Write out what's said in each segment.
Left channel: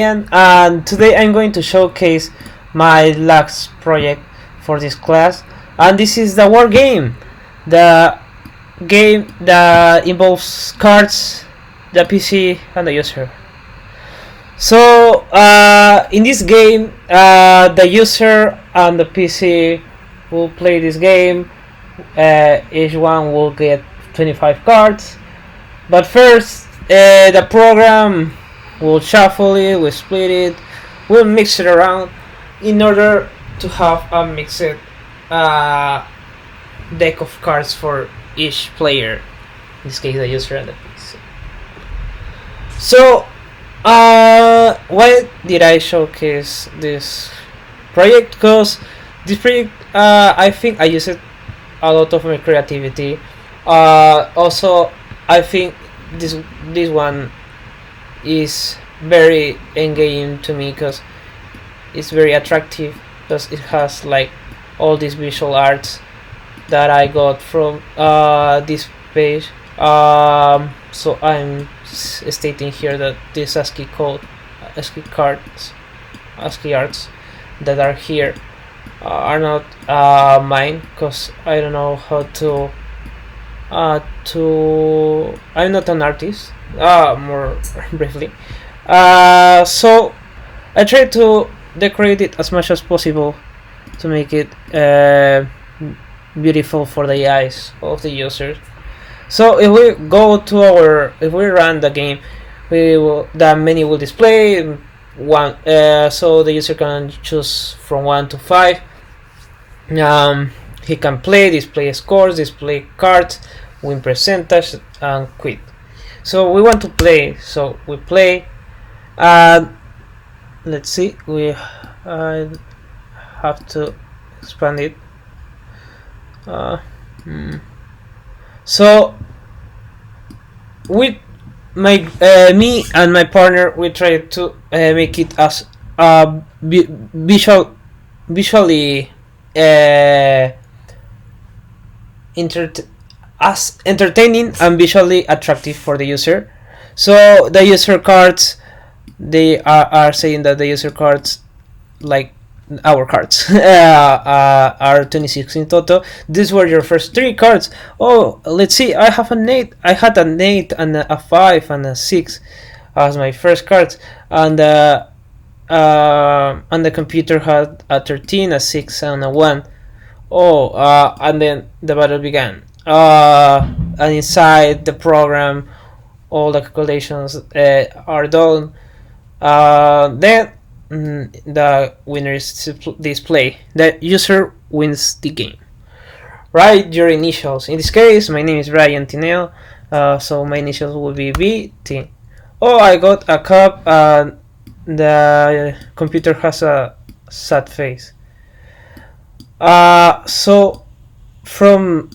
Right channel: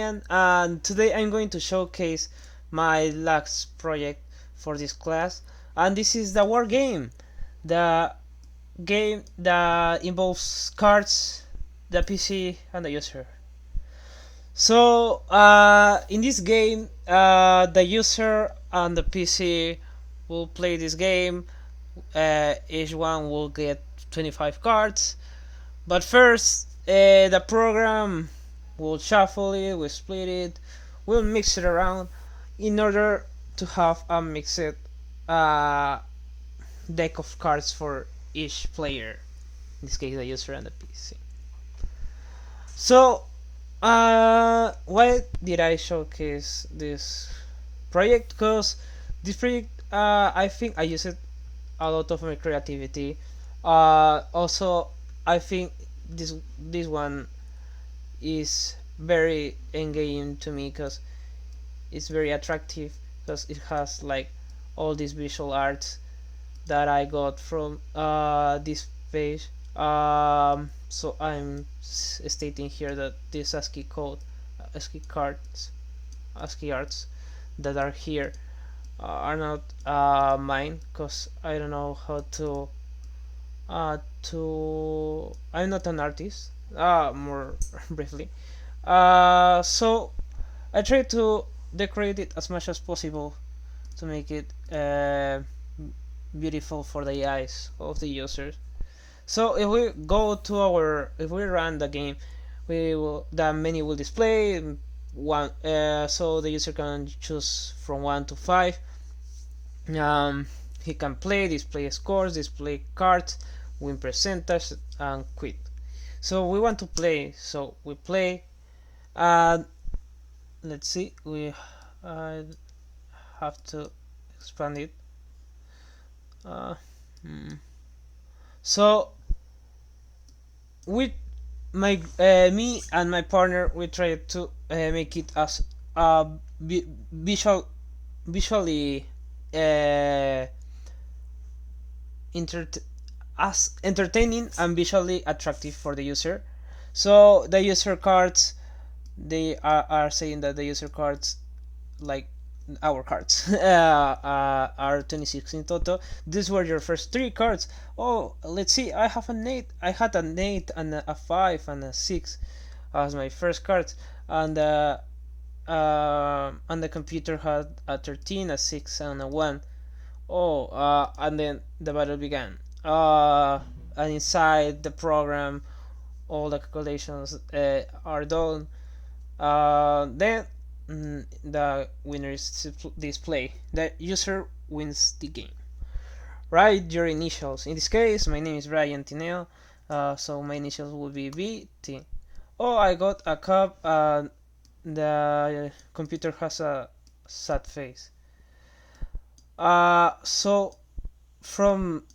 And today I'm going to showcase my last project for this class, and this is the war game, the game that involves cards, the PC, and the user. So in this game, the user and the PC will play this game. Each one will get 25 cards, but first the program will shuffle it, we'll split it, we'll mix it around in order to have a mixed deck of cards for each player, in this case the user and the PC. So why did I showcase this project? Because this project, I think I used a lot of my creativity. Also, I think this one is very engaging to me because it's very attractive, because it has like all these visual arts that I got from this page. So I'm stating here that this ASCII code, ASCII cards, ASCII arts that are here are not mine, because I don't know how to I'm not an artist, more briefly. So I try to decorate it as much as possible to make it beautiful for the eyes of the users. So if we run the game, the menu will display one. So the user can choose from 1 to 5. He can play, display scores, display cards, win percentage, and quit. So we want to play, so we play. Let's see, we have to expand it. So with me and my partner, we try to make it as visually as entertaining and visually attractive for the user. So the user cards, they are saying that the user cards, like our cards, are 26 in total. These were your first 3 cards. Oh, let's see, I had an 8 and a 5 and a 6 as my first cards, and the computer had a 13, a 6, and a 1. Oh, and then the battle began. And inside the program, all the calculations are done. Then the winner is display. The user wins the game. Write your initials. In this case, my name is Brian Tineo, so my initials will be BT. Oh, I got a cup. The computer has a sad face. So from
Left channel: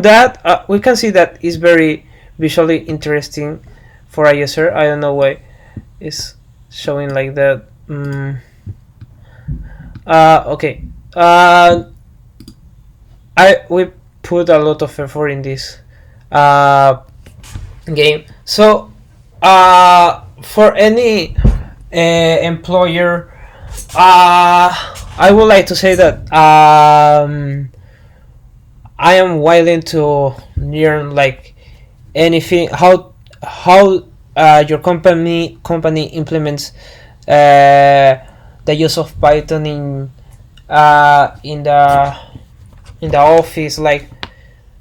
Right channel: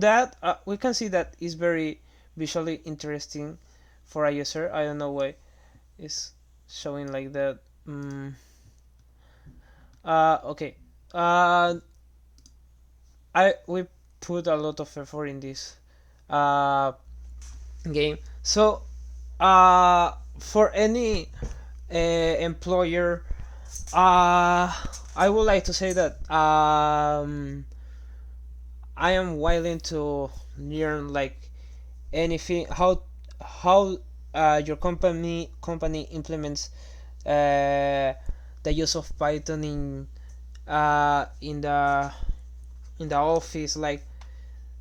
that, we can see that it's very visually interesting for a user. I don't know why it's showing like that. Okay. We put a lot of effort in this game. So for any employer, I would like to say that I am willing to learn like anything, how your company implements the use of Python in the office. Like,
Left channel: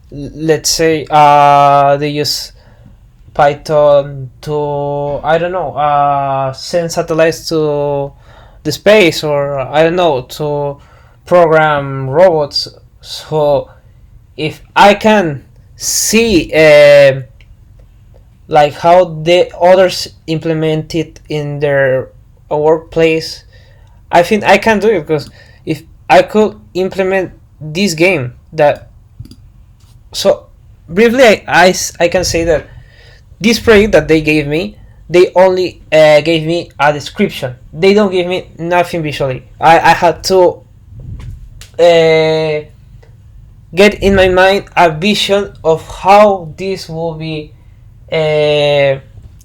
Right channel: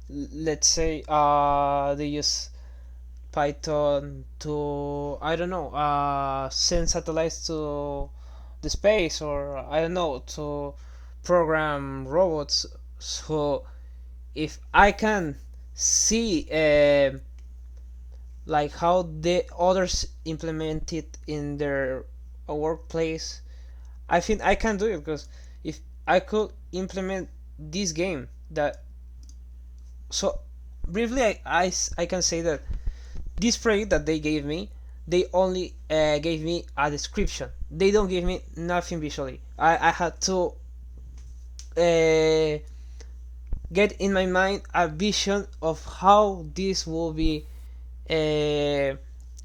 let's say they use Python to, I don't know, send satellites to the space, or I don't know, to program robots. So if I can see like how the others implement it in their workplace, I think I can do it, because if I could implement this game, that, so briefly I can say that this project that they gave me, they only gave me a description. They don't give me nothing visually. I had to get in my mind a vision of how this will be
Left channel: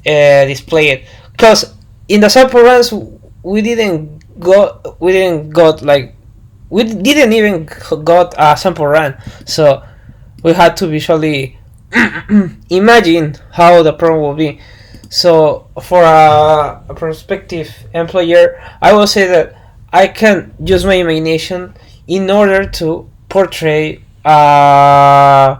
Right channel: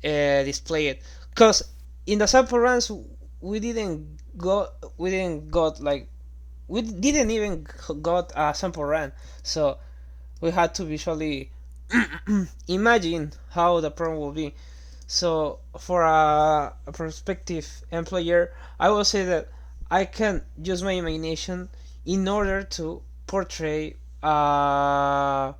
displayed. Because in the sample runs we didn't even got a sample run, so we had to visually imagine how the program will be. So for a prospective employer, I will say that I can use my imagination in order to portray it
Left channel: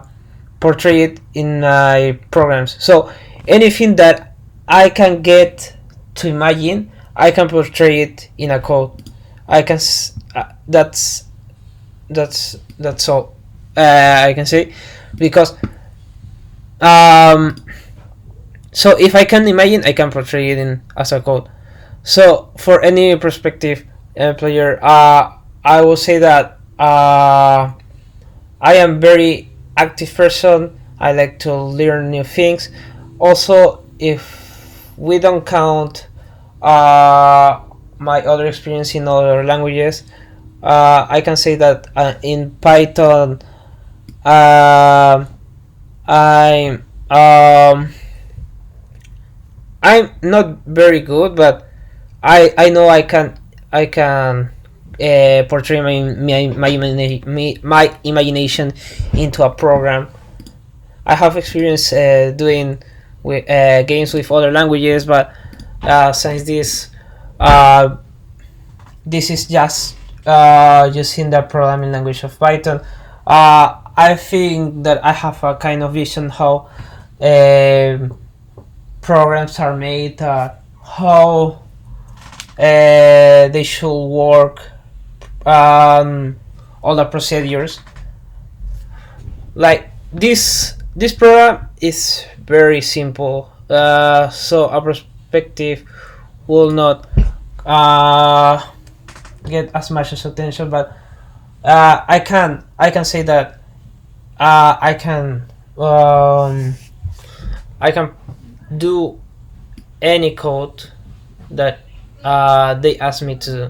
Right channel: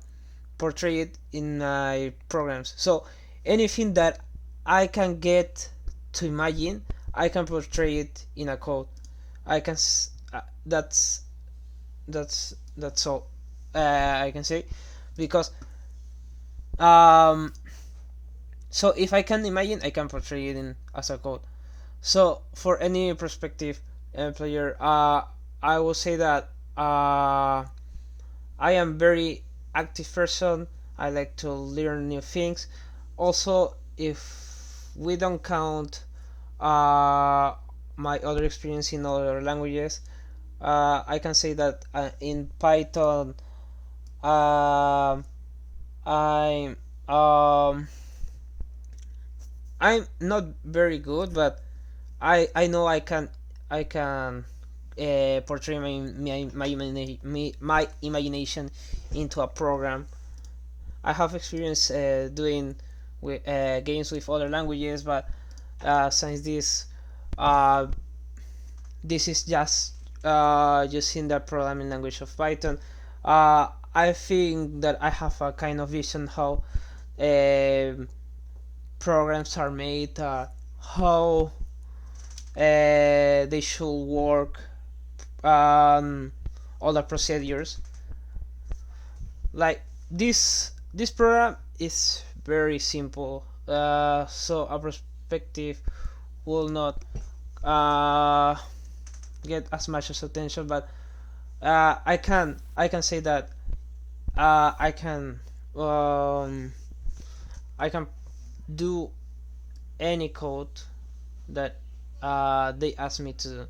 in my programs. So anything that I can get to imagine, I can portray it in a code. I can that's all I can say, because so if I can imagine, I can portray it in as a code. So for any prospective employer, I will say that I am very active person. I like to learn new things. Also, if we don't count my other experience in other languages, I can say that in Python, I'm I'm not very good, but I know I can portray my imagination into a program. I have experience doing games with other languages, but since uh, this is just using the programming language of Python, I think that I have a kind of vision how programs are made, how they should work, all the procedures. Like this program is very simple, so a perspective will not uh, get as much as attention, but I can say that uh, I can um, I can do any code that they ask me to do.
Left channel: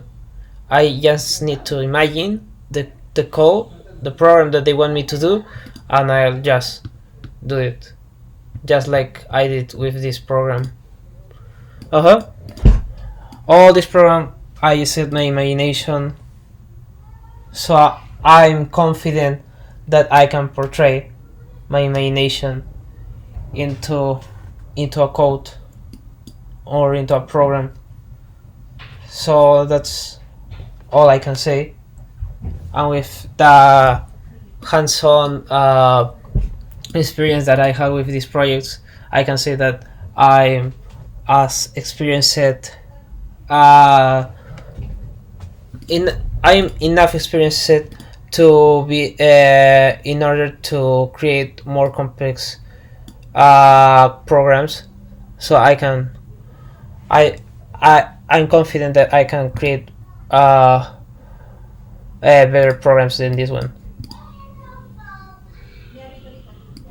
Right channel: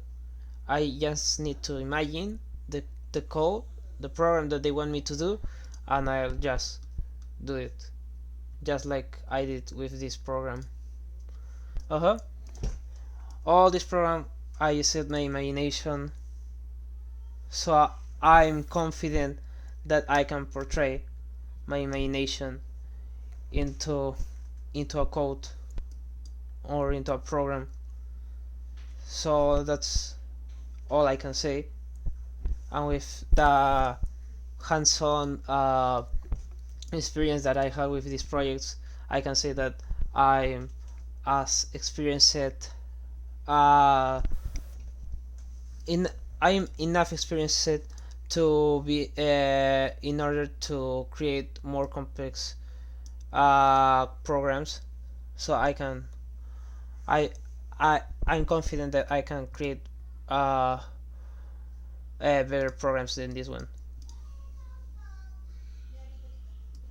I just need to imagine the code, the program that they want me to do, and I'll just do it, just like I did with this program. Uh huh. All this program, I used my imagination, so I'm confident that I can portray my imagination into into a code or into a program. So that's all I can say. And with the hands-on experience that I had with these projects, I can say that I'm as experienced uh, in I'm enough experienced to be in order to create more complex programs. So I I'm confident that I can create better programs than this one.